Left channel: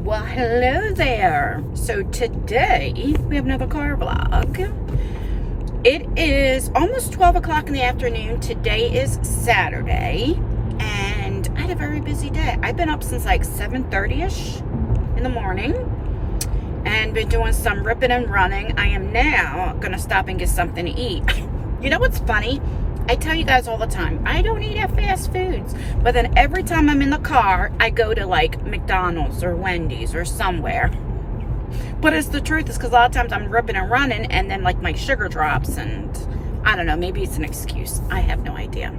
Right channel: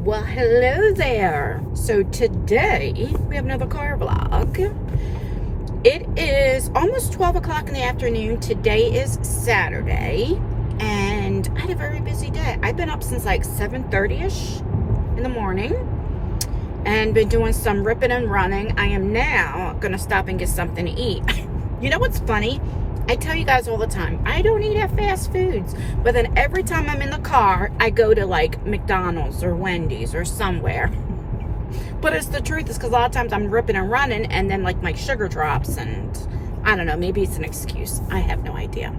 Well, hello there. So today we have another car vlog. It is almost 12 o'clock in the afternoon. Today is Saturday and I had a very busy day. I've been up since like 7:30ish in the morning and been doing some ripping and running. I am now gonna stop and get something to eat. You know what's funny? I tell you guys all the time, I don't eat at fast foods. But then every time I'm in the car, I go to like McDonald's or Wendy's or somewhere. But it's the truth, is because a lot of times I'm ripping and running and then like my sugar drops and I don't know, maybe it's an excuse. I have no idea.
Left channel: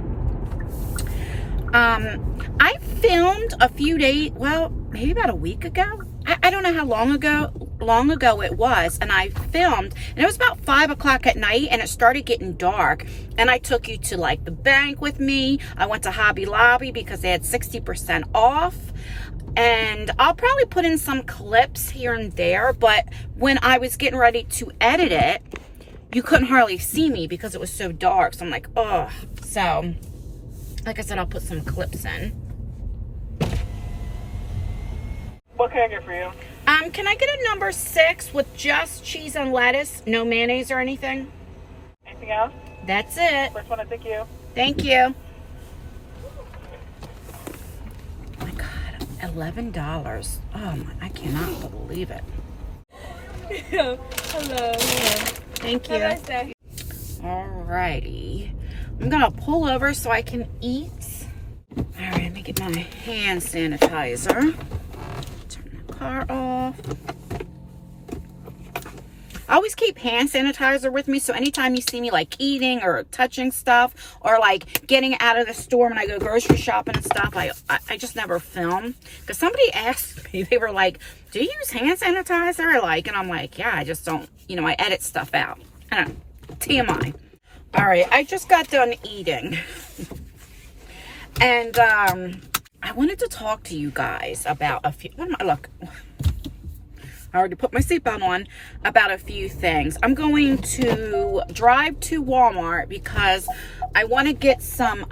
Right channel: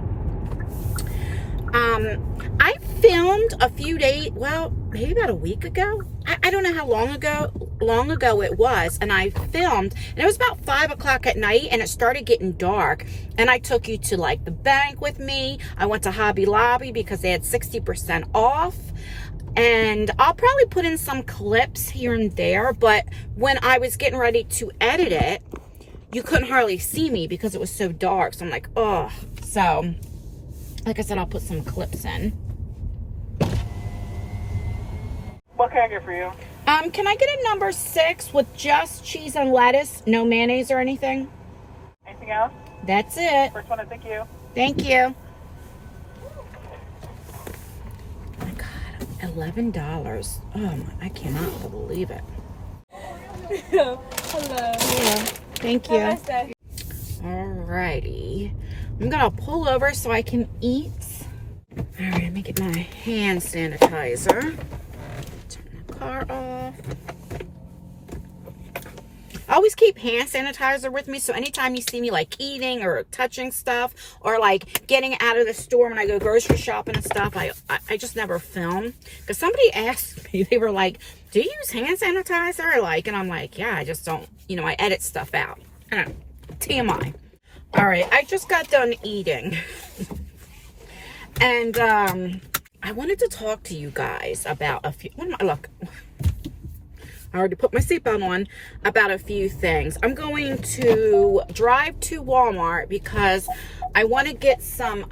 I filmed a few days, well, maybe about a week ago. I don't know how long ago it was, and I filmed, and it was about 5 o'clock at night, and it started getting dark, and I took you to like the bank with me. I went to Hobby Lobby because they had 60% off, and I'll probably put in some clips here and there, but when I was getting ready to edit it, you couldn't hardly see me because it was so dark, so I'm like, oh. So like I said, I'll put some clips in. What can I get for you? Can I get a number 6 with just cheese and lettuce, no mayonnaise or anything? Anything else? That's it. First one, thank you. Thank you. Oh my God, $11. Oh my, I cannot believe it. Hello. Hello. Thank you. Alrighty. I'm gonna pull over so I can eat. Alright, let me get my hand sanitizer. Turn the car off. I always keep hand sanitizer with me, so anytime you see me like eating or touching stuff or like getting out of the store when I go grocery shopping and stuff, I just never film. Because somebody asked me, they were like, do you use hand sanitizer? Like, and I'm like, yeah, I just don't, you know, I edit stuff out. I don't know, TMI. All right, I just got done eating. And I wanted to talk to you guys about a few, look, I already put my seatbelt on, about a few things. I'm going to drive to Walmart because I want to get some,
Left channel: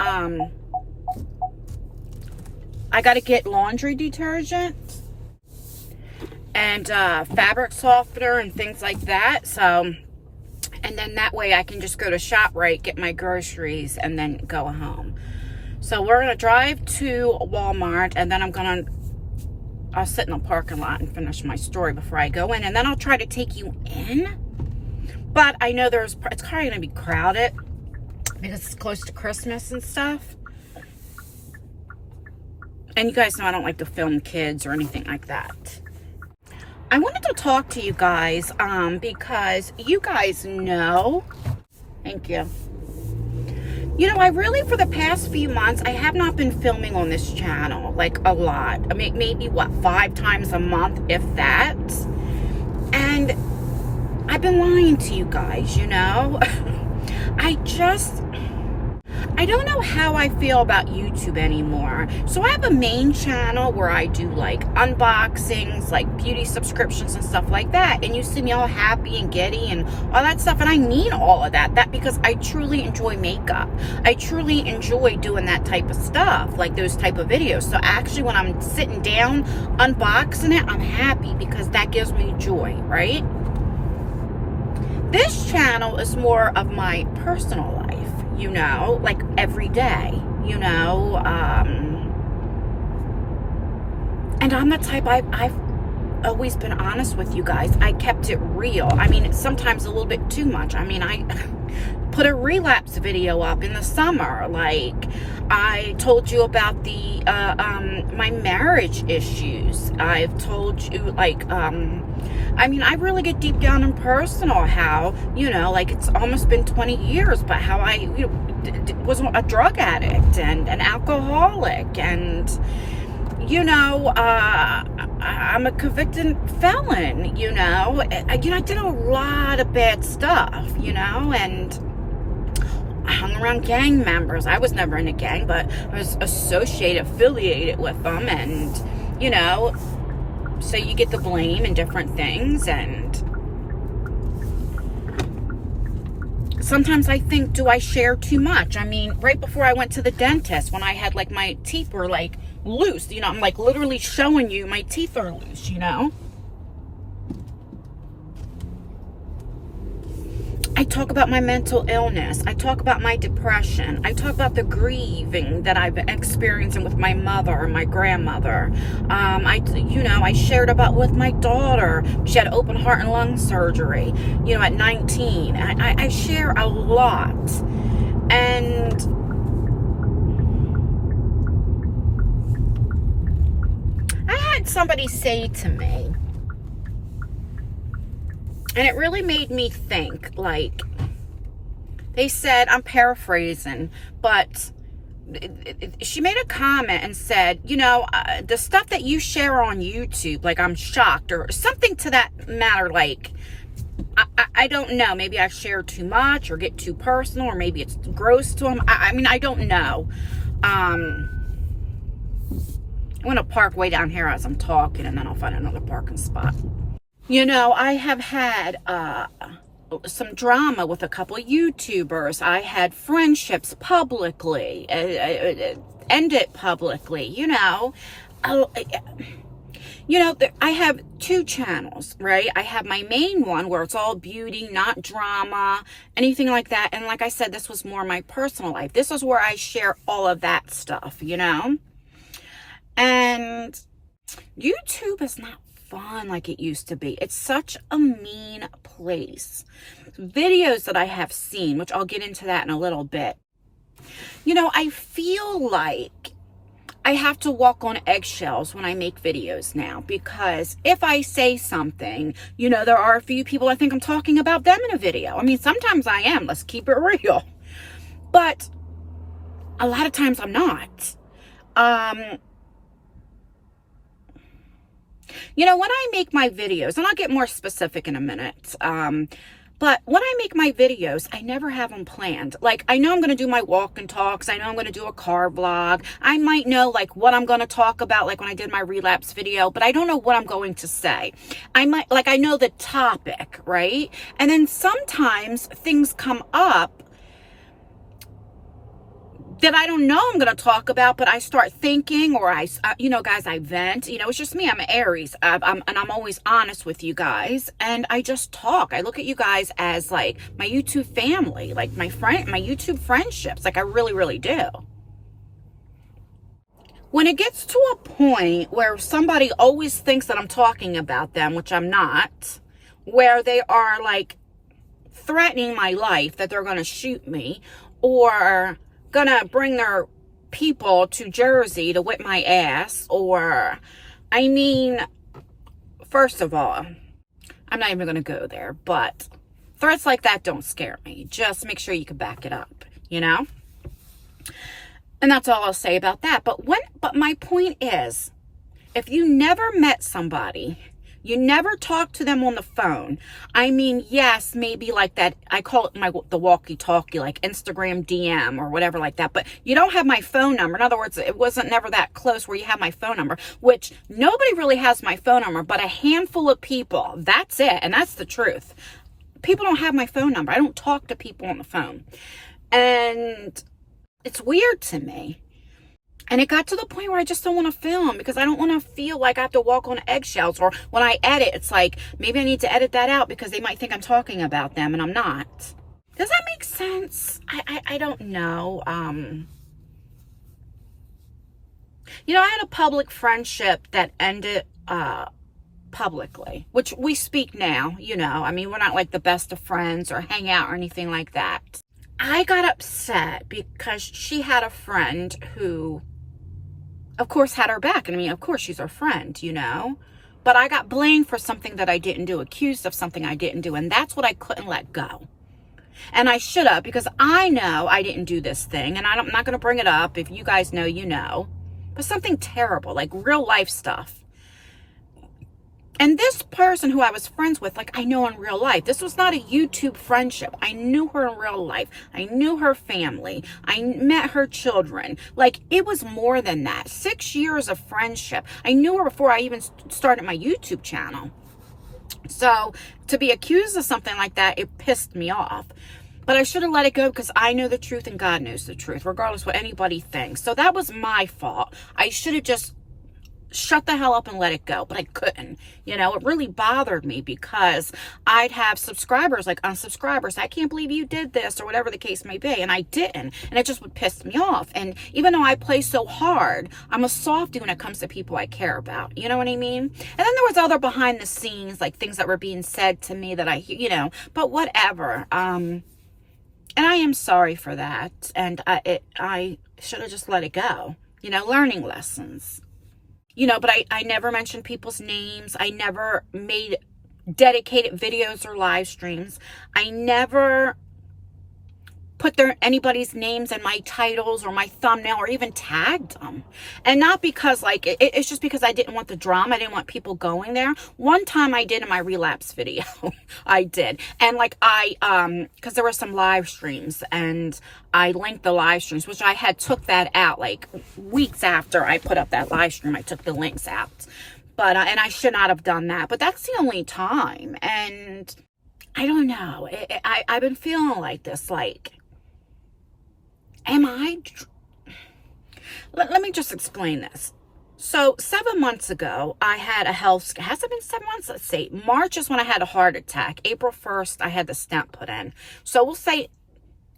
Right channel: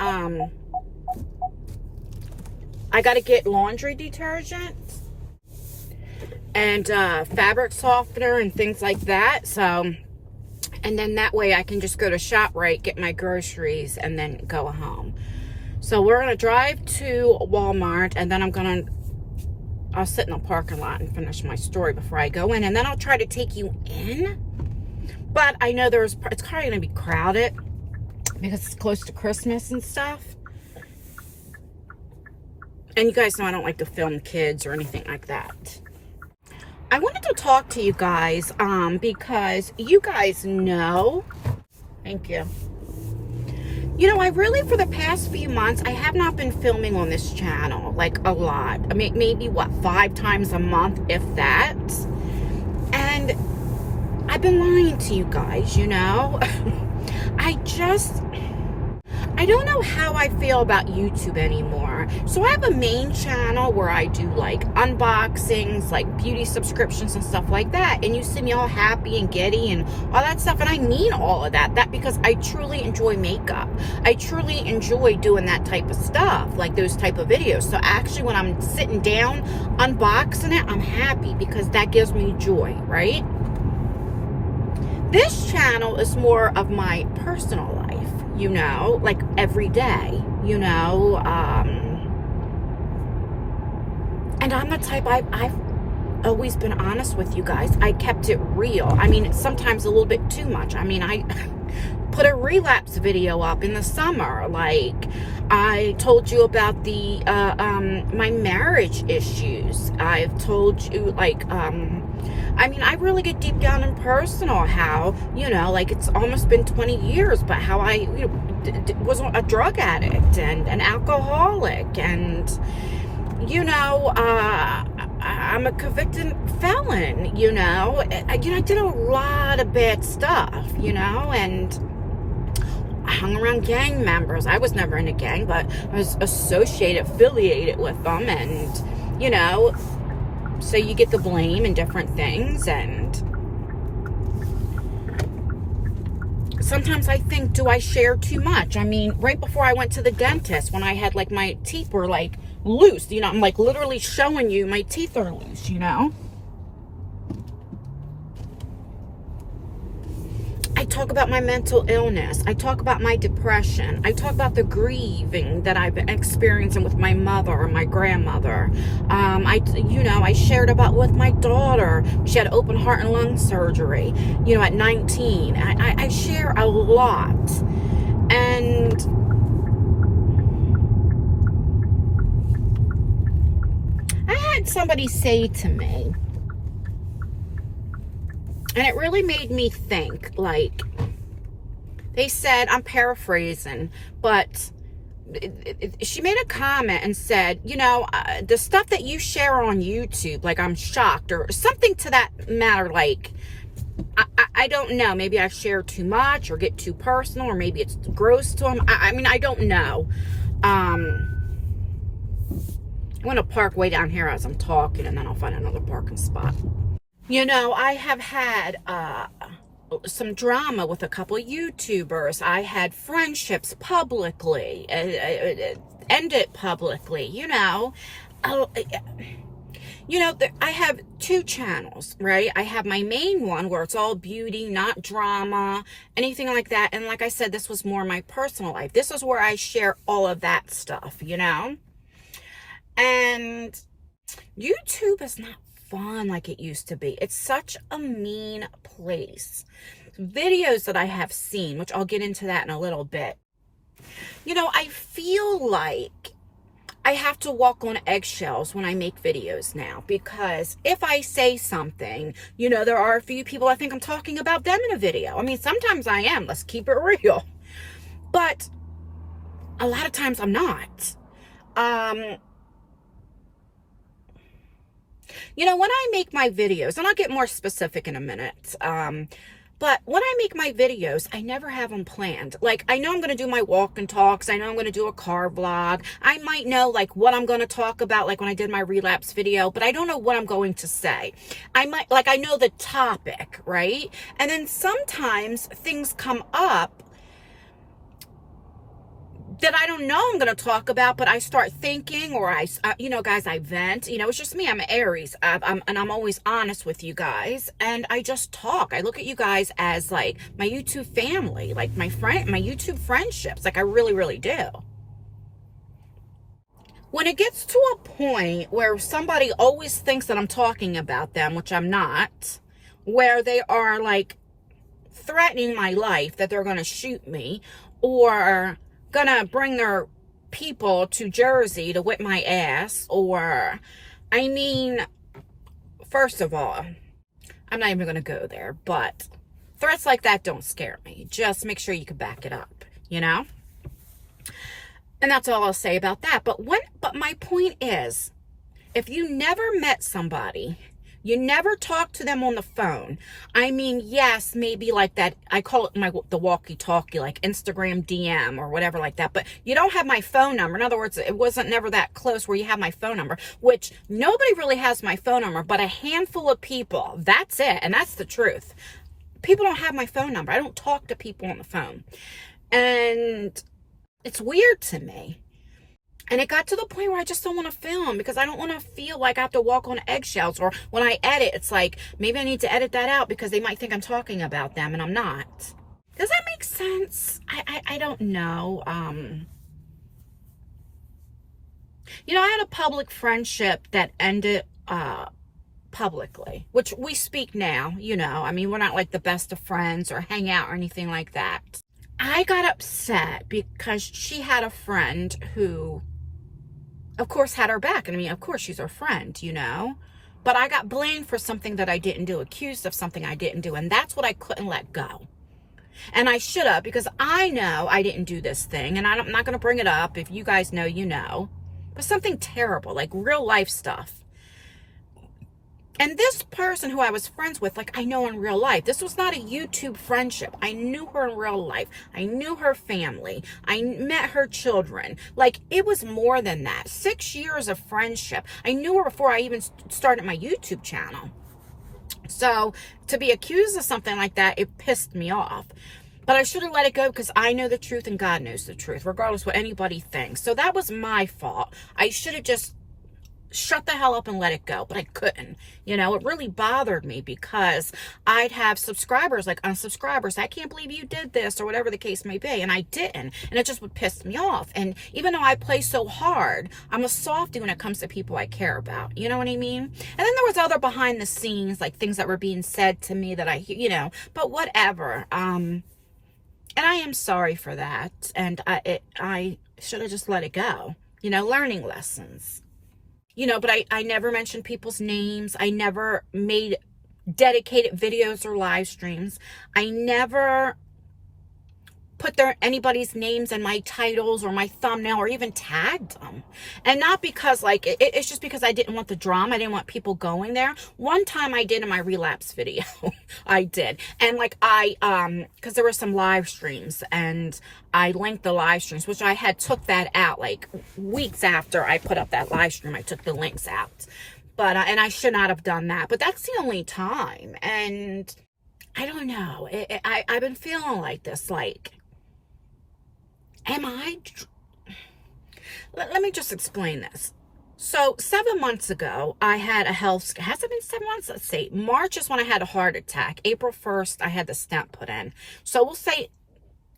I got to get laundry detergent and fabric softener and things like that. So, and then that way I can just go to ShopRite, get my groceries, and then go home. So we're going to drive to Walmart, and then I'll sit in the parking lot and finish my story before I go in, and then I'll try to take you in. But I know it's probably going to be crowded because it's close to Christmas and stuff. And you guys know I don't like to film kids or anything like that. I wanted to talk to you guys because you guys know, thank you. You know, I really, for the past few months, I have not been filming on this channel, like a lot. I mean, maybe, what, 5 times a month, if that. And I've been lying to you guys, you know. I don't know how I feel about YouTube anymore. So I have a main channel where I do like unboxings, like beauty subscriptions and stuff like that. And you see me all happy and giddy and all that stuff. And I mean all of that. That because I truly enjoy makeup. I truly enjoy doing that type of stuff, like those type of videos. So actually when I'm sitting down unboxing it, I'm happy because that gives me joy, right? This channel is more of my personal life. You know, like every day, you know, and I'm the type, I've always been honest with you guys. I kept it real. I mean, sometimes a little bit too much. I mean, I put a relapse video up in the summer. Like, I told you about the, my marriage issues. I've told you, like, I mean, I really get deep down and personal how, you know, like it's almost been 20 years, but how I, you know, was a drug addict and an alcoholic and, you know, I'm a convicted felon, you know. I did a lot of bad stuff, you know, and I hung around gang members. I was never in a gang, but I was affiliated with them, and, you know, so you get the blame and different things. And sometimes I think, do I share too much? I mean, right before I went to the dentist, when I had like my teeth were like loose. You know, I'm like literally showing you my teeth are loose, you know. I talk about my mental illness. I talk about my depression. I talk about the grieving that I've experiencing with my mother or my grandmother. I shared about with my daughter. She had open heart and lung surgery, you know, at 19. I share a lot. And I had somebody say to me, and it really made me think, like, they said, I'm paraphrasing, but she made a comment and said, you know, the stuff that you share on YouTube, like, I'm shocked, or something to that matter, like, I don't know, maybe I share too much, or get too personal, or maybe it's gross to them. I mean, I don't know. I'm going to park way down here as I'm talking, and then I'll find another parking spot. You know, I have had some drama with a couple of YouTubers. I had friendships publicly, ended publicly, you know. I have two channels, right? I have my main one where it's all beauty, not drama, anything like that. And like I said, this was more my personal life. This is where I share all of that stuff, you know. And YouTube is not fun like it used to be. It's such a mean place. Videos that I have seen, which I'll get into that in a little bit. You know, I feel like I have to walk on eggshells when I make videos now, because if I say something, you know, there are a few people I think I'm talking about them in a video. I mean, sometimes I am, let's keep it real. But a lot of times I'm not. You know, when I make my videos, and I'll get more specific in a minute, but when I make my videos, I never have them planned. Like, I know I'm going to do my walk and talks. I know I'm going to do a car vlog. I might know, like, what I'm going to talk about, like when I did my relapse video, but I don't know what I'm going to say. I know the topic, right? And then sometimes things come up that I don't know I'm going to talk about, but I start thinking, or guys, I vent. You know, it's just me. I'm an Aries. And I'm always honest with you guys. And I just talk. I look at you guys as like my YouTube family, like my YouTube friendships. Like I really, really do. When it gets to a point where somebody always thinks that I'm talking about them, which I'm not, where they are like threatening my life, that they're going to shoot me, or gonna bring their people to Jersey to whip my ass, or, I mean, first of all, I'm not even gonna go there, but threats like that don't scare me. Just make sure you can back it up, you know? And that's all I'll say about that. But my point is, if you never met somebody, you never talk to them on the phone. I mean, yes, maybe like that. I call it the walkie-talkie, like Instagram DM or whatever like that. But you don't have my phone number. In other words, it wasn't never that close where you have my phone number, which nobody really has my phone number, but a handful of people. That's it. And that's the truth. People don't have my phone number. I don't talk to people on the phone. And it's weird to me. And it got to the point where I just don't want to film, because I don't want to feel like I have to walk on eggshells. Or when I edit, it's like, maybe I need to edit that out because they might think I'm talking about them and I'm not. Does that make sense? I don't know. You know, I had a public friendship that ended publicly, which we speak now, you know. I mean, we're not like the best of friends or hang out or anything like that. I got upset because she had a friend who, of course, had her back. And I mean, of course, she's her friend, you know. But I got blamed for something that I didn't do, accused of something I didn't do. And that's what I couldn't let go. And I should have, because I know I didn't do this thing. And I'm not going to bring it up. If you guys know, you know. But something terrible, like real life stuff. And this person who I was friends with, like, I know in real life. This was not a YouTube friendship. I knew her in real life. I knew her family. I met her children. Like, it was more than that. 6 years of friendship. I knew her before I even started my YouTube channel. So, to be accused of something like that, it pissed me off. But I should have let it go because I know the truth and God knows the truth, regardless what anybody thinks. So that was my fault. I should have just shut the hell up and let it go, but I couldn't. You know, it really bothered me because I'd have subscribers like unsubscribers. I can't believe you did this or whatever the case may be. And I didn't. And it just would piss me off. And even though I play so hard, I'm a softie when it comes to people I care about. You know what I mean? And then there was other behind the scenes, like things that were being said to me that I, you know, but whatever. And I am sorry for that. And I should have just let it go. You know, learning lessons. You know, but I never mentioned people's names. I never made dedicated videos or live streams. I never put anybody's names in my titles or my thumbnail or even tagged them. And not because like, it's just because I didn't want the drama. I didn't want people going there. One time I did in my relapse video. I did. And like because there were some live streams and I linked the live streams, which I had took that out like weeks after I put up that live stream. I took the links out. But, and I should not have done that. But that's the only time. And I don't know. I've been feeling like this, like, let me just explain this. So 7 months ago, I had a health, has it been 7 months? Let's see. March is when I had a heart attack. April 1st, I had the stent put in. So we'll say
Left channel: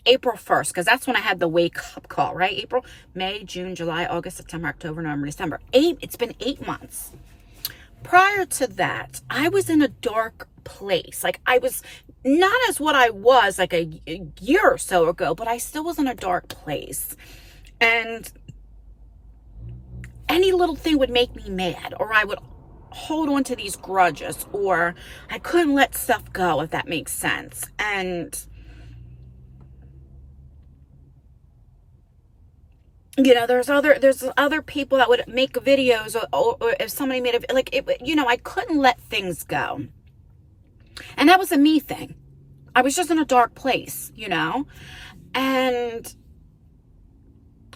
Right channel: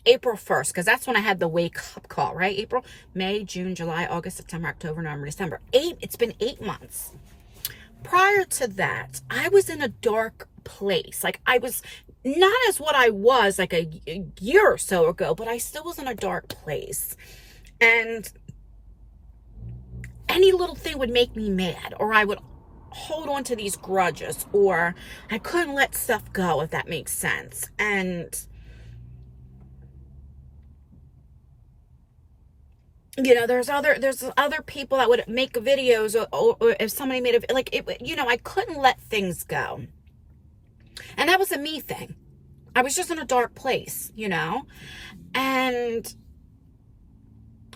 April 1st, because that's when I had the wake up call, right? April, May, June, July, August, September, October, November, December. It's been 8 months. Prior to that, I was in a dark place. Like I was not as what I was like a year or so ago, but I still was in a dark place. And any little thing would make me mad, or I would hold on to these grudges, or I couldn't let stuff go, if that makes sense. And you know, there's other people that would make videos, or if somebody made a, like, it, you know, I couldn't let things go. And that was a me thing. I was just in a dark place, you know? And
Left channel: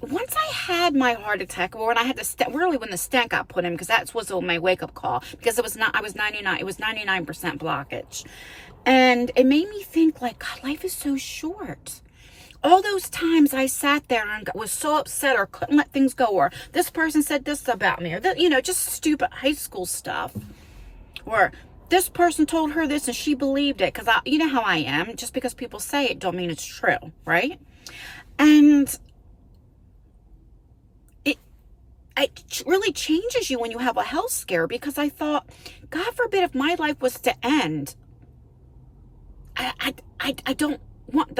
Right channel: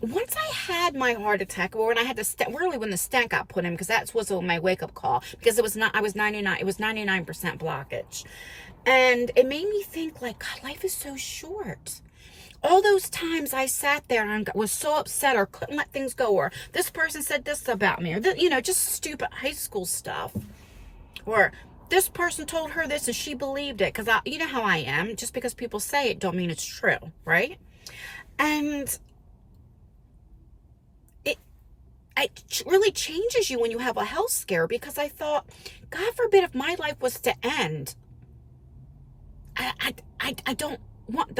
once I had my heart attack, or when I had the stent, really when the stent got put in, because that was my wake-up call, because it was 99% blockage. And it made me think, like, God, life is so short. All those times I sat there and was so upset, or couldn't let things go, or this person said this about me, or you know, just stupid high school stuff, or this person told her this and she believed it, because you know how I am. Just because people say it don't mean it's true, right? And it really changes you when you have a health scare, because I thought, God forbid if my life was to end, I don't want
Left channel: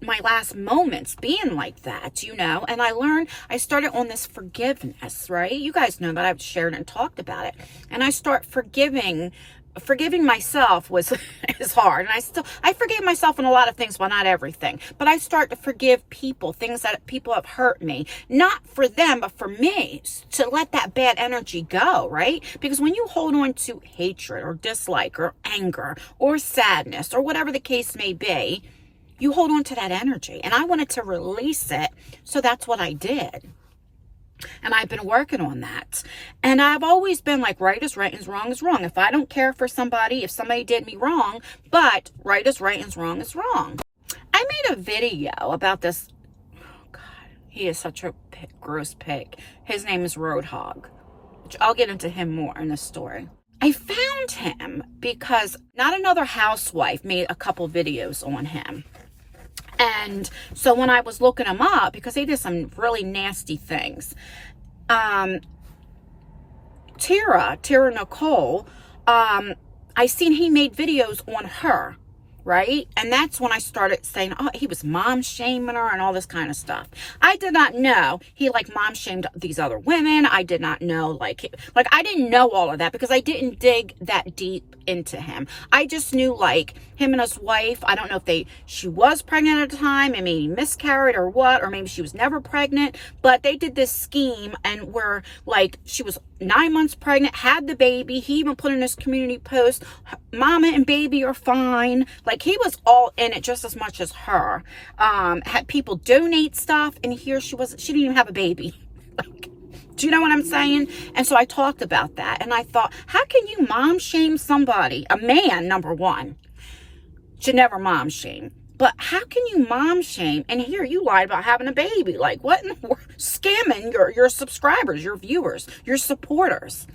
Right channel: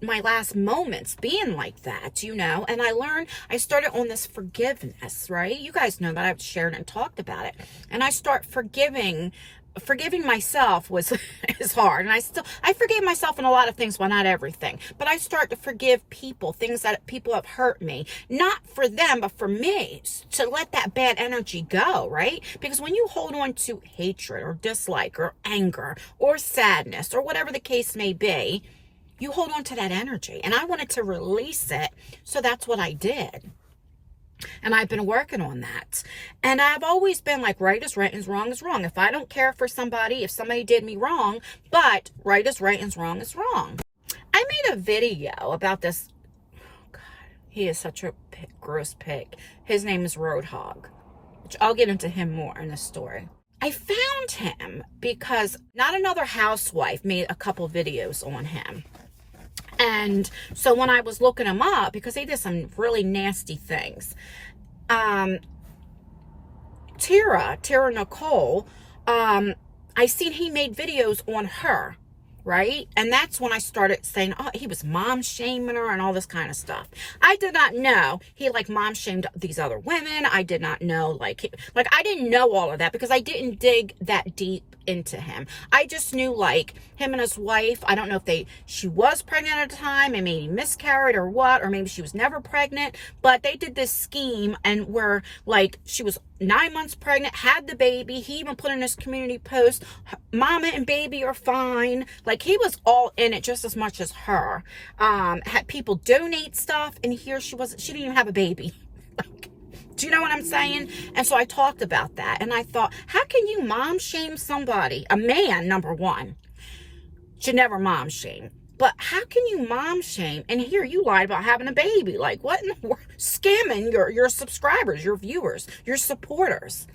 my last moments being like that, you know? And I started on this forgiveness, right? You guys know that I've shared and talked about it. And I start forgiving myself is hard. And I forgave myself in a lot of things, well, not everything, but I start to forgive people, things that people have hurt me, not for them, but for me, to let that bad energy go, right? Because when you hold on to hatred or dislike or anger or sadness or whatever the case may be, you hold on to that energy. And I wanted to release it. So that's what I did. And I've been working on that. And I've always been like, right is right and wrong is wrong. If I don't care for somebody, if somebody did me wrong, but right is right and wrong is wrong. I made a video about this. Oh God, he is such a gross pig. His name is Roadhog, which I'll get into him more in this story. I found him because Not Another Housewife made a couple videos on him. And so when I was looking him up, because he did some really nasty things, Tara Nicole, I seen he made videos on her, right? And that's when I started saying, oh, he was mom shaming her and all this kind of stuff. I did not know he like mom shamed these other women. I did not know like I didn't know all of that because I didn't dig that deep into him. I just knew like him and his wife, I don't know if she was pregnant at the time and maybe miscarried or what, or maybe she was never pregnant, but they did this scheme and were like, she was 9 months pregnant, had the baby. He even put in his community post, mama and baby are fine. Like he was all in it just as much as her. Had people donate stuff, and here she didn't even have a baby. Like, do you know what I'm saying? And so I talked about that, and I thought, how can you mom shame somebody? A man, number one, should never mom shame. But how can you mom shame? And here you lied about having a baby. Like, what in the world? Scamming your subscribers, your viewers, your supporters.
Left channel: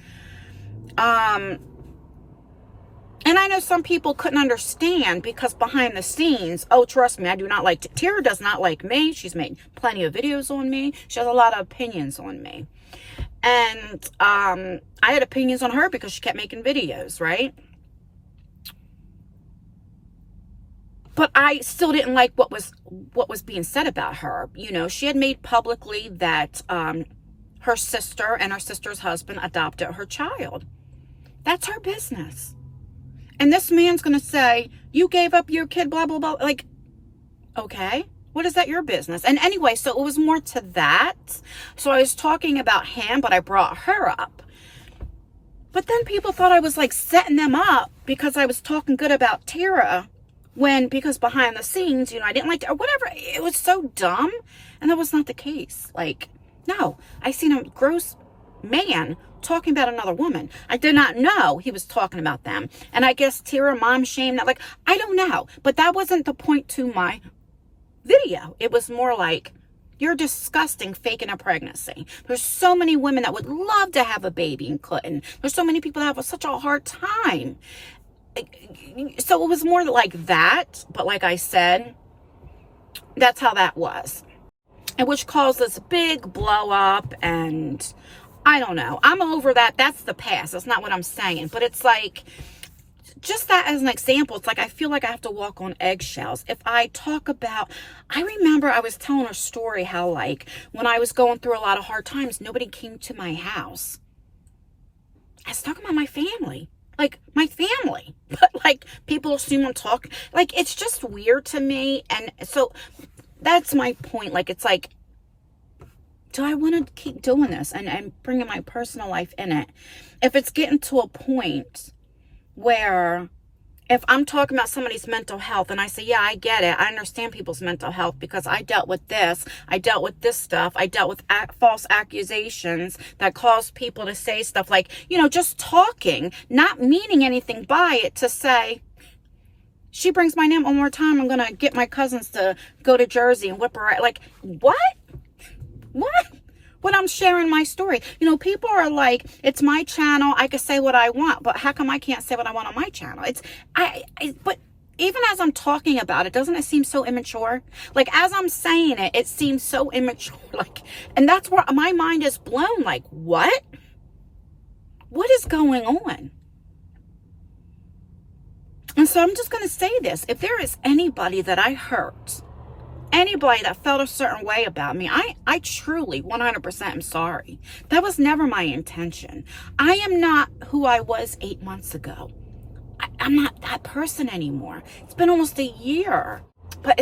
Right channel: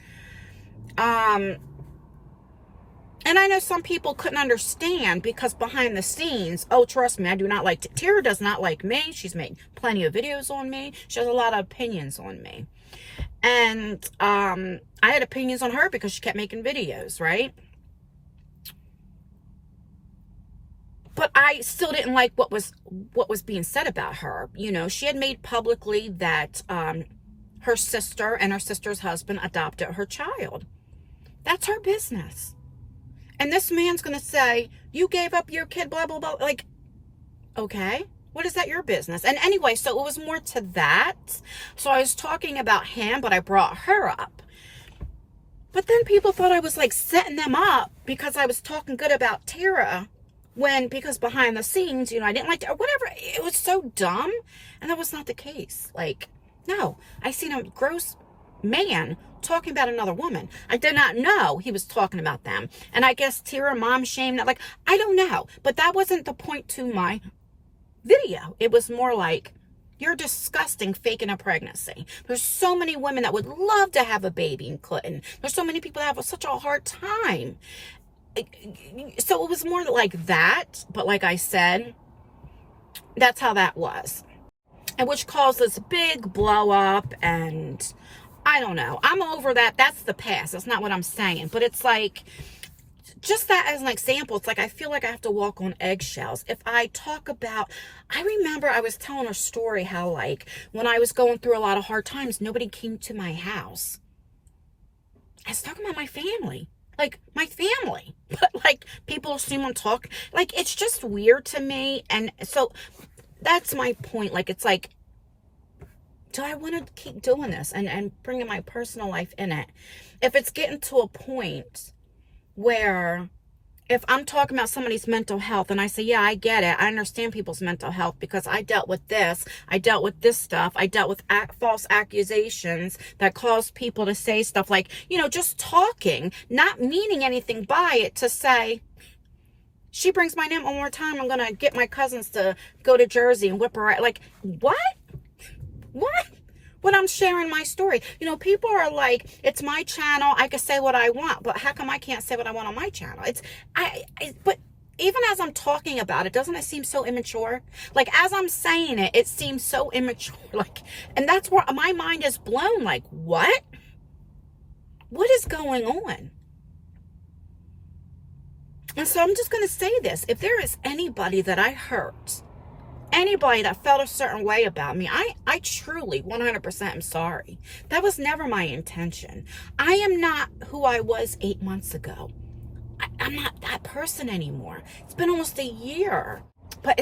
And I know some people couldn't understand because behind the scenes, oh, trust me, I do not like, Tara does not like me. She's made plenty of videos on me. She has a lot of opinions on me. And I had opinions on her because she kept making videos, right? But I still didn't like what was being said about her. You know, she had made publicly that her sister and her sister's husband adopted her child. That's her business. And this man's going to say, you gave up your kid, blah, blah, blah. Like, okay, what is that your business? And anyway, so it was more to that. So I was talking about him, but I brought her up. But then people thought I was like setting them up because I was talking good about Tara. Because behind the scenes, you know, I didn't like to, or whatever. It was so dumb. And that was not the case. Like, no, I seen a gross man talking about another woman. I did not know he was talking about them. And I guess Tara mom shamed that. Like, I don't know. But that wasn't the point to my video. It was more like, you're disgusting faking a pregnancy. There's so many women that would love to have a baby and couldn't. There's so many people that have such a hard time. So it was more like that, but like I said, that's how that was. And which caused this big blow up, and I don't know. I'm over that. That's the past. That's not what I'm saying. But it's like, just that as an example, it's like I feel like I have to walk on eggshells. If I talk about, I remember I was telling a story how like when I was going through a lot of hard times, nobody came to my house. I was talking about my family. Like, my family. But, like, people assume I'm talking. Like, it's just weird to me. And so, that's my point. Like, it's like, do I want to keep doing this? And bringing my personal life in it? If it's getting to a point where, if I'm talking about somebody's mental health, and I say, yeah, I get it. I understand people's mental health because I dealt with this. I dealt with this stuff. I dealt with false accusations that caused people to say stuff like, you know, just talking, not meaning anything by it, to say, she brings my name one more time, I'm going to get my cousins to go to Jersey and whip her out. Like, what? What? When I'm sharing my story, you know, people are like, it's my channel, I can say what I want, but how come I can't say what I want on my channel? But even as I'm talking about it, doesn't it seem so immature? Like, as I'm saying it, it seems so immature. Like, and that's where my mind is blown. Like, what? What is going on? And so I'm just going to say this. If there is anybody that I hurt, anybody that felt a certain way about me, I truly 100% am sorry. That was never my intention. I am not who I was 8 months ago. I'm not that person anymore. It's been almost a year. But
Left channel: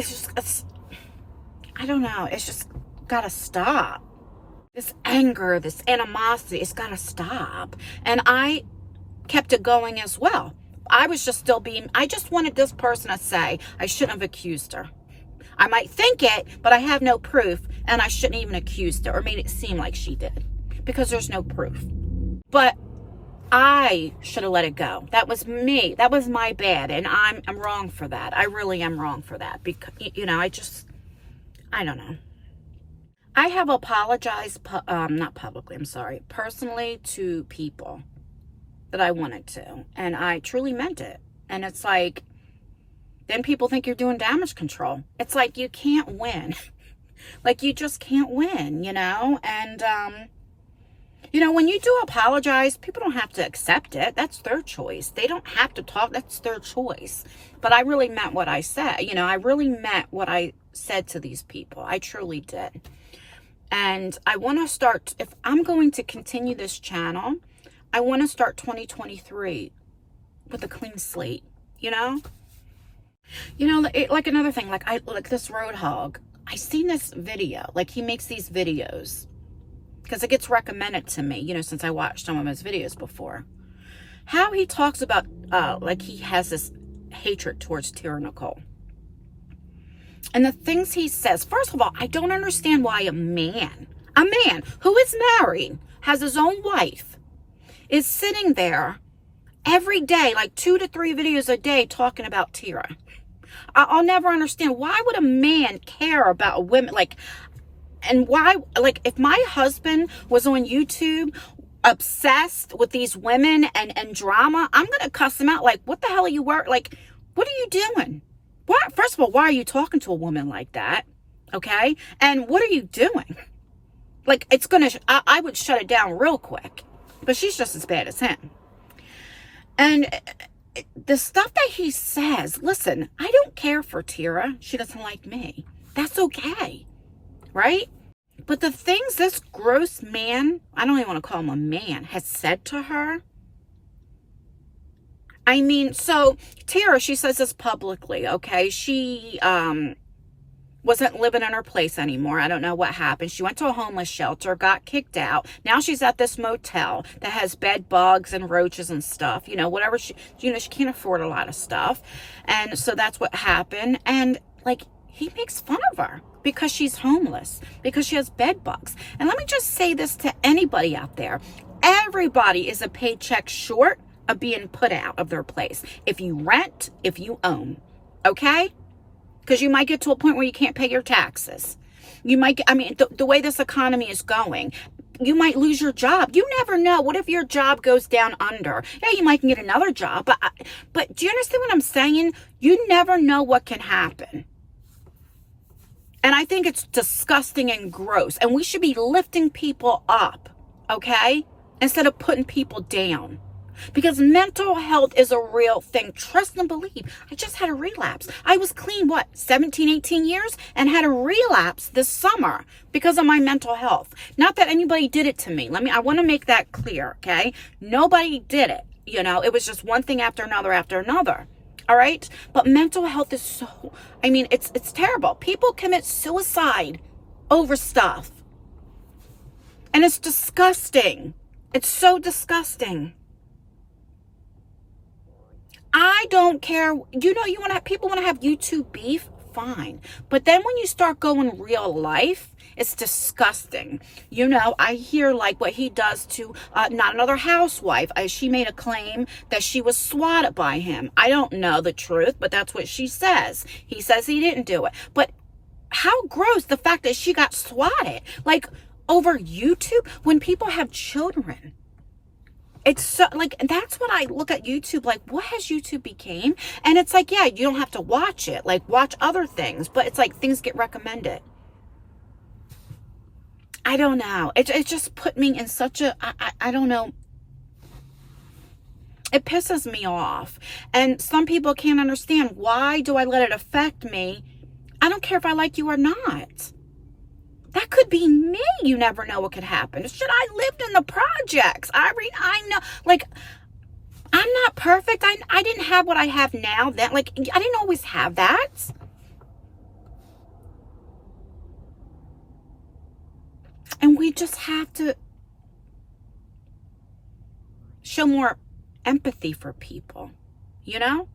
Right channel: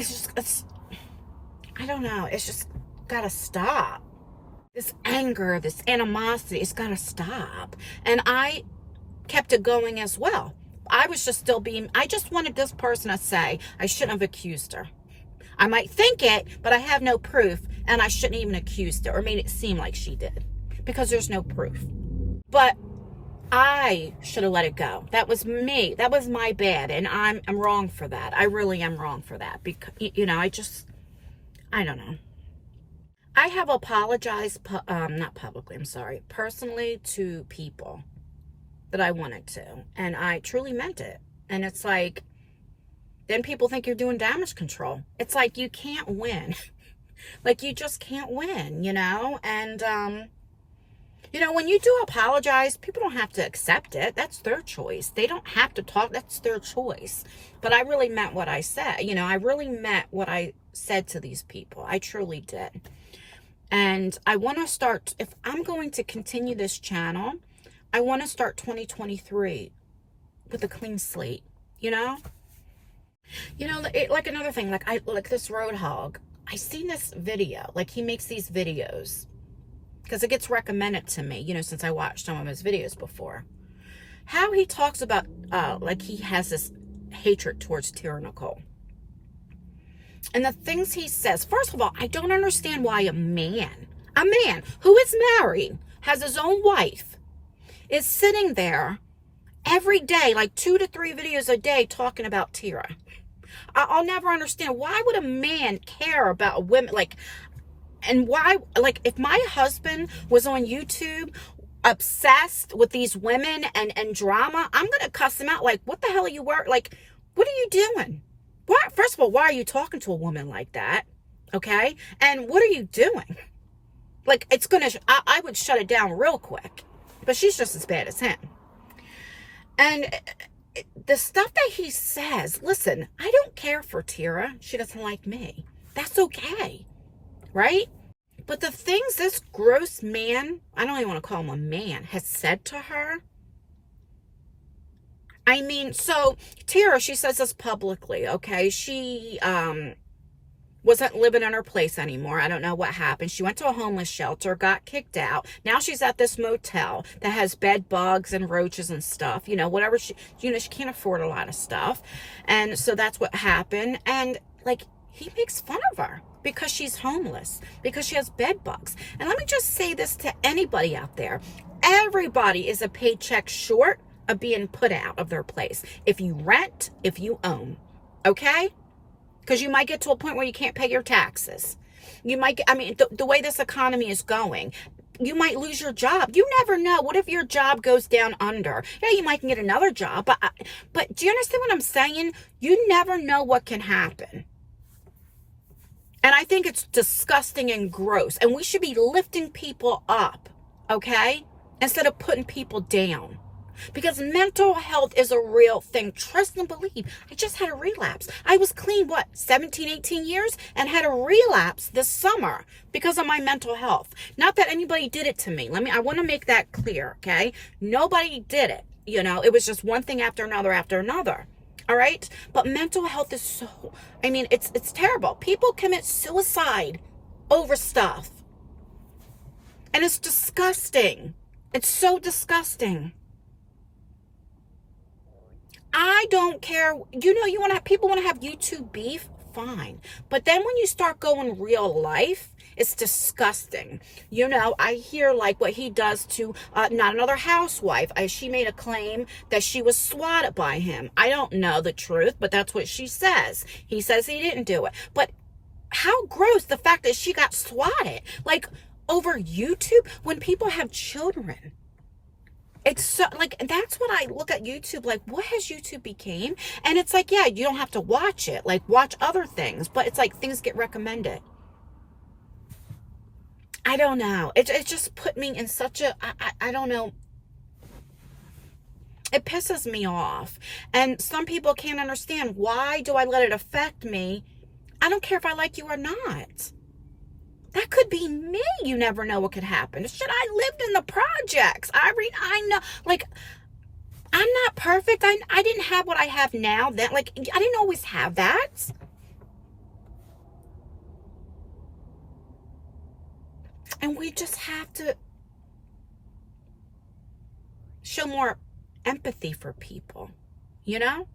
I don't know. It's just gotta stop. This anger, this animosity, it's gotta stop. And I kept it going as well. I was just I just wanted this person to say, I shouldn't have accused her. I might think it, but I have no proof, and I shouldn't even accused her or made it seem like she did because there's no proof. But I should have let it go. That was me. That was my bad, and I'm wrong for that. I really am wrong for that because, you know, I don't know. I have apologized, not publicly, I'm sorry, personally to people that I wanted to, and I truly meant it. And it's like, then people think you're doing damage control. It's like, you can't win. Like, you just can't win, you know? And, you know, when you do apologize, people don't have to accept it. That's their choice. They don't have to talk. That's their choice. But I really meant what I said. You know, I really meant what I said to these people. I truly did. And I want to start, if I'm going to continue this channel, I want to start 2023 with a clean slate, you know? You know, like another thing, like this Roadhog, I seen this video, like he makes these videos because it gets recommended to me, you know, since I watched some of his videos before. How he talks about, like he has this hatred towards Tara Nicole. And the things he says, first of all, I don't understand why a man who is married, has his own wife, is sitting there every day, like 2 to 3 videos a day talking about Tara. I'll never understand, why would a man care about a woman? Like, and why, like, if my husband was on YouTube obsessed with these women and drama, I'm gonna cuss him out. Like, what the hell are you like, what are you doing? What, first of all, why are you talking to a woman like that? Okay, and what are you doing? Like, it's gonna, I would shut it down real quick. But she's just as bad as him. And the stuff that he says, listen, I don't care for Tira. She doesn't like me. That's okay, right? But the things this gross man, I don't even want to call him a man, has said to her. I mean, so Tira, she says this publicly, okay? She wasn't living in her place anymore. I don't know what happened. She went to a homeless shelter, got kicked out. Now she's at this motel that has bed bugs and roaches and stuff. You know, whatever she can't afford a lot of stuff. And so that's what happened. And like, he makes fun of her because she's homeless, because she has bed bugs. And let me just say this to anybody out there. Everybody is a paycheck short of being put out of their place. If you rent, if you own, okay? Because you might get to a point where you can't pay your taxes. You might, I mean, the way this economy is going, you might lose your job. You never know. What if your job goes down under? Yeah, you might get another job. But do you understand what I'm saying? You never know what can happen. And I think it's disgusting and gross. And we should be lifting people up, okay? Instead of putting people down. Because mental health is a real thing. Trust and believe. I just had a relapse. I was clean, 17, 18 years? And had a relapse this summer because of my mental health. Not that anybody did it to me. I want to make that clear, okay? Nobody did it. You know, it was just one thing after another after another. All right? But mental health is so, I mean, it's terrible. People commit suicide over stuff. And it's disgusting. It's so disgusting. I don't care. You know, people want to have YouTube beef, fine. But then when you start going real life, it's disgusting. You know, I hear like what he does to not another housewife. She made a claim that she was swatted by him. I don't know the truth, but that's what she says. He says he didn't do it. But how gross the fact that she got swatted, like over YouTube, when people have children. It's so, like, that's what I look at YouTube, like, what has YouTube became? And it's like, yeah, you don't have to watch it, like, watch other things, but it's like, things get recommended. I don't know. It just put me in such a, I don't know. It pisses me off. And some people can't understand, why do I let it affect me? I don't care if I like you or not. That could be me. You never know what could happen. Shit, I lived in the projects. I know, like, I'm not perfect. I didn't have what I have now. That, like, I didn't always have that. And we just have to show more empathy for people, you know?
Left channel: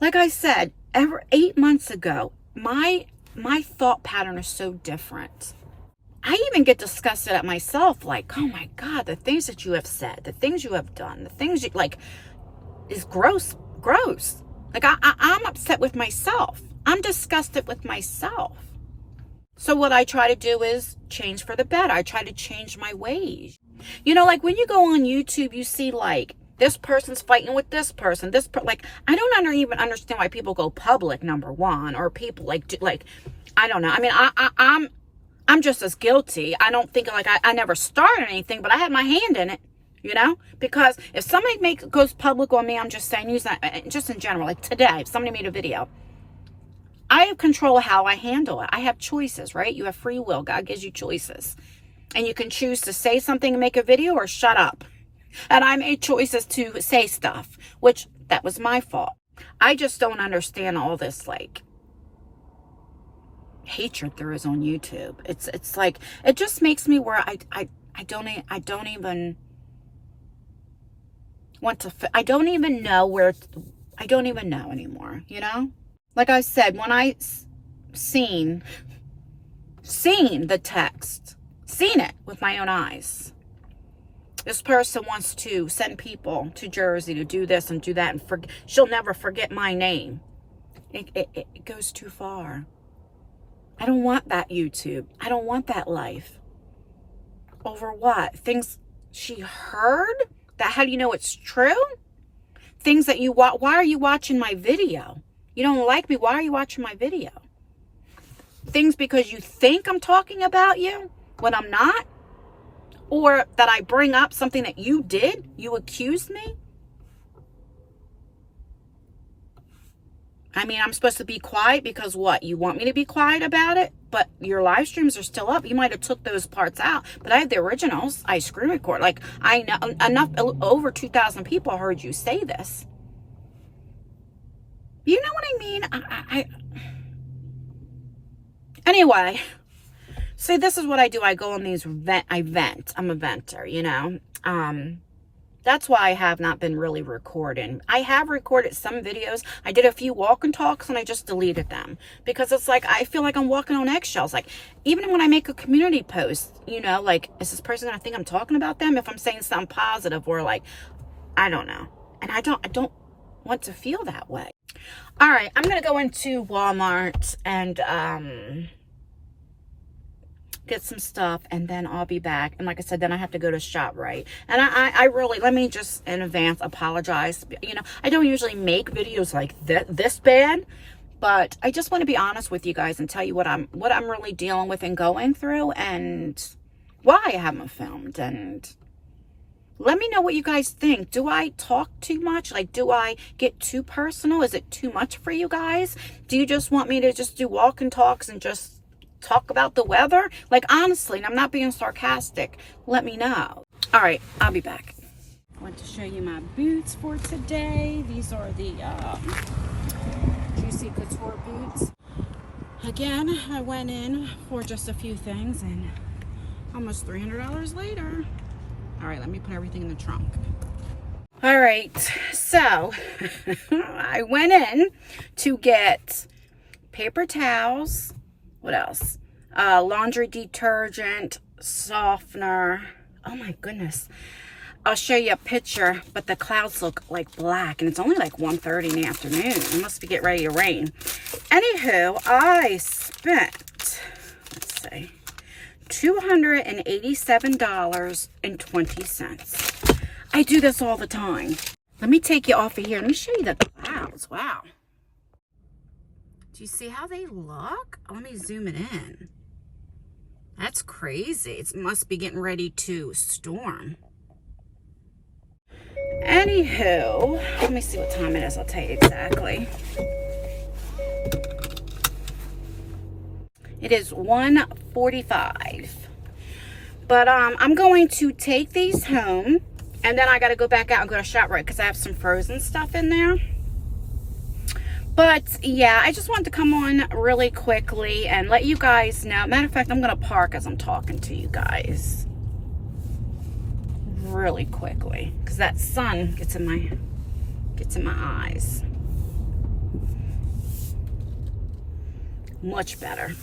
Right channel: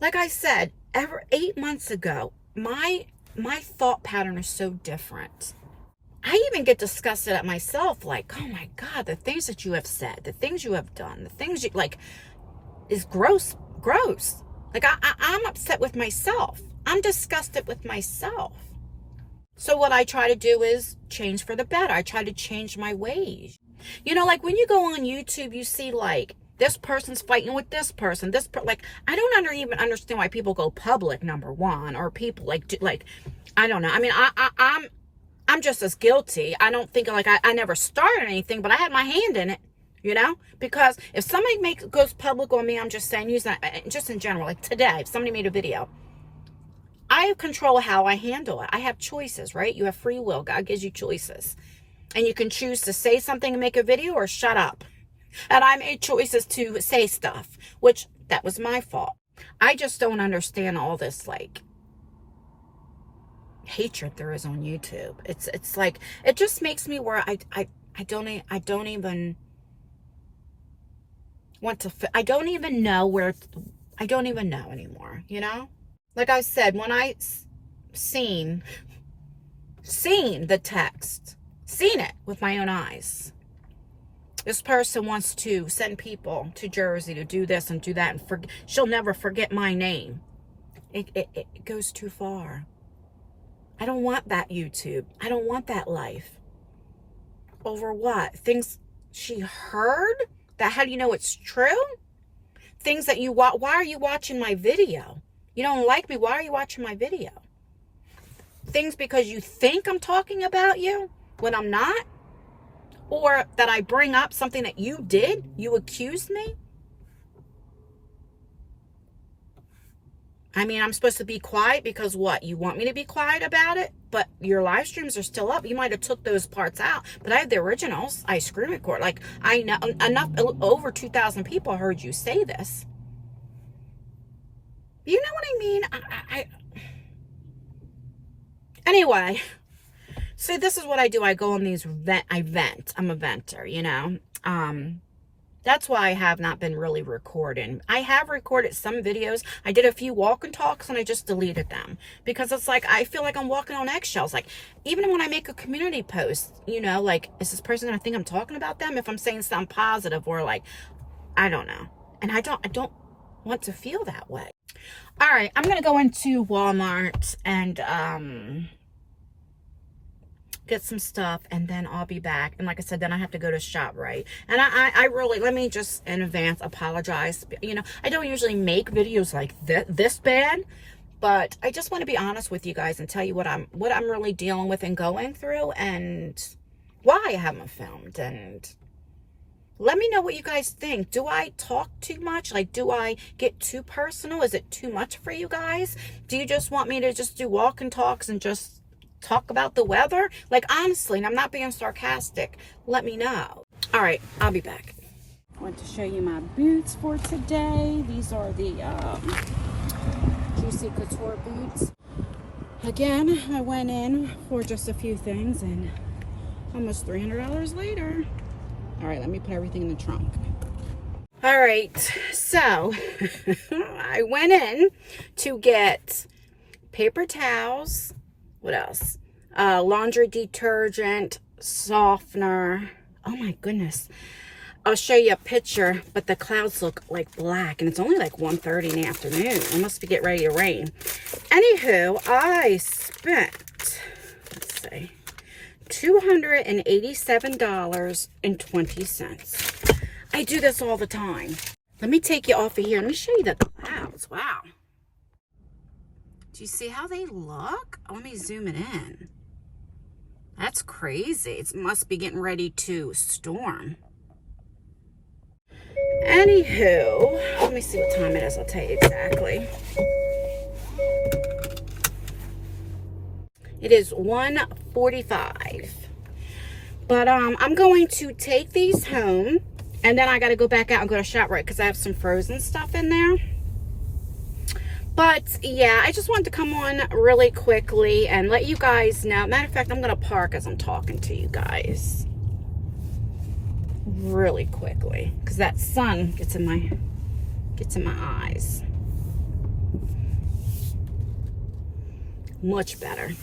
Like I said, 8 months ago, my thought pattern is so different. I even get disgusted at myself, like, oh my God, the things that you have said, the things you have done, the things you, like, is gross. Like, I'm upset with myself. I'm disgusted with myself. So what I try to do is change for the better. I try to change my ways. You know, like when you go on YouTube, you see like, this person's fighting with this person. Like, I don't even understand why people go public, number one, or people like, I don't know. I mean, I'm just as guilty. I don't think, like, I never started anything, but I had my hand in it, you know? Because if somebody goes public on me, I'm just saying, just in general, like today, if somebody made a video, I have control how I handle it. I have choices, right? You have free will. God gives you choices. And you can choose to say something and make a video or shut up. And I made choices to say stuff, which that was my fault. I just don't understand all this, like, hatred there is on YouTube. It's like, it just makes me where I don't even want to, I don't even know where, I don't even know anymore, you know? Like I said, when I seen the text, seen it with my own eyes, This person wants to send people to Jersey to do this and do that, and she'll never forget my name. It goes too far. I don't want that YouTube. I don't want that life. Over what? Things she heard? That how do you know it's true? Things that you watch. Why are you watching my video? You don't like me. Why are you watching my video? Things because you think I'm talking about you when I'm not? Or that I bring up something that you did? You accused me? I mean, I'm supposed to be quiet because what? You want me to be quiet about it? But your live streams are still up. You might have took those parts out. But I have the originals. I screen record. Like, I know enough, over 2,000 people heard you say this. You know what I mean? Anyway, see, this is what I do. I go on these I vent. I'm a venter, you know. That's why I have not been really recording. I have recorded some videos. I did a few walk and talks and I just deleted them. Because it's like, I feel like I'm walking on eggshells. Like, even when I make a community post, you know, like, is this person going to think I'm talking about them? If I'm saying something positive or like, I don't know. And I don't want to feel that way. All right, I'm going to go into Walmart and get some stuff, and then I'll be back. And like I said, then I have to go to ShopRite. And I really, let me just in advance apologize. You know, I don't usually make videos like this bad, but I just want to be honest with you guys and tell you what I'm really dealing with and going through, and why I haven't filmed. And let me know what you guys think. Do I talk too much? Like, do I get too personal? Is it too much for you guys? Do you just want me to just do walk and talks and just talk about the weather? Like, honestly, and I'm not being sarcastic, let me know. All right, I'll be back. I want to show you my boots for today. These are the Juicy Couture boots. Again, I went in for just a few things and almost $300 later. All right, let me put everything in the trunk. All right, so I went in to get paper towels. What else? Laundry detergent, softener. Oh my goodness. I'll show you a picture, but the clouds look like black, and it's only like 1:30 in the afternoon. It must be getting ready to rain. Anywho, I spent, let's see, $287.20. I do this all the time. Let me take you off of here. Let me show you the clouds. Wow. Do you see how they look? Let me zoom it in. That's crazy. It must be getting ready to storm. Anywho, let me see what time it is. I'll tell you exactly. It is 1:45. But I'm going to take these home, and then I got to go back out and go to ShopRite because I have some frozen stuff in there. But yeah, I just wanted to come on really quickly and let you guys know. Matter of fact, I'm going to park as I'm talking to you guys really quickly because that sun gets in my eyes. Much better.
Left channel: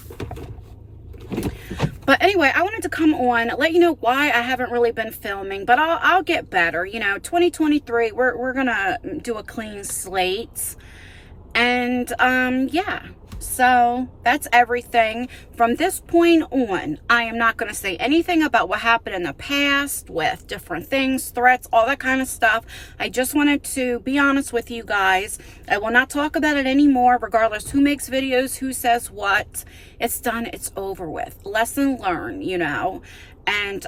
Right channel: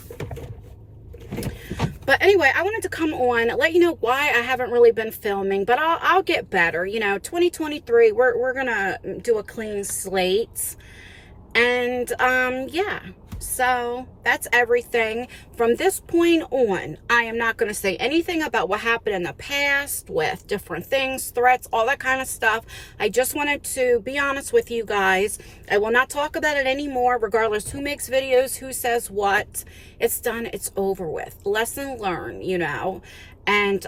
But anyway, I wanted to come on, let you know why I haven't really been filming, but I'll get better. You know, 2023, we're gonna do a clean slate. And yeah, so that's everything. From this point on, I am not going to say anything about what happened in the past with different things, threats, all that kind of stuff. I just wanted to be honest with you guys. I will not talk about it anymore, regardless who makes videos, who says what. It's done, it's over with. Lesson learned, you know. And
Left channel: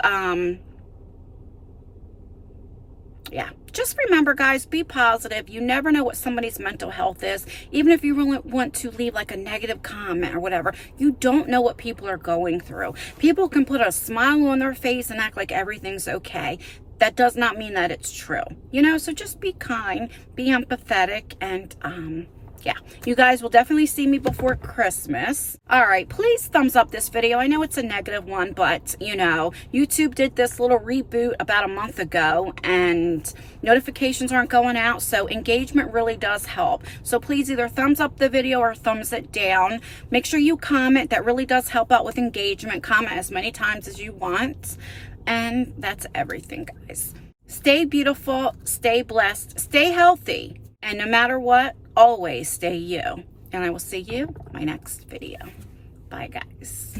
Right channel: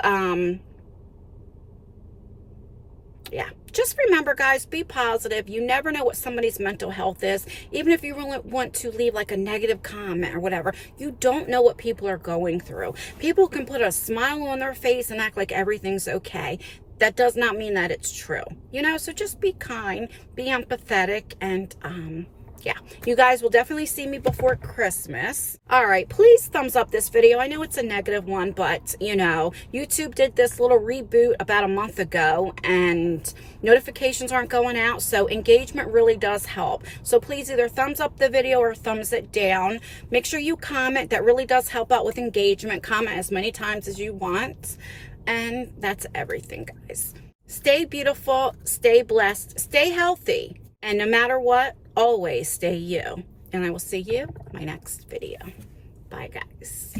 yeah, just remember, guys, be positive. You never know what somebody's mental health is. Even if you really want to leave like a negative comment or whatever, you don't know what people are going through. People can put a smile on their face and act like everything's okay. That does not mean that it's true, you know. So just be kind, be empathetic, and yeah, you guys will definitely see me before Christmas. All right, please thumbs up this video. I know it's a negative one, but you know, YouTube did this little reboot about a month ago and notifications aren't going out, so engagement really does help. So please either thumbs up the video or thumbs it down. Make sure you comment. That really does help out with engagement. Comment as many times as you want. And that's everything, guys. Stay beautiful, stay blessed, stay healthy, and no matter what, always stay you. And I will see you in my next video. Bye, guys.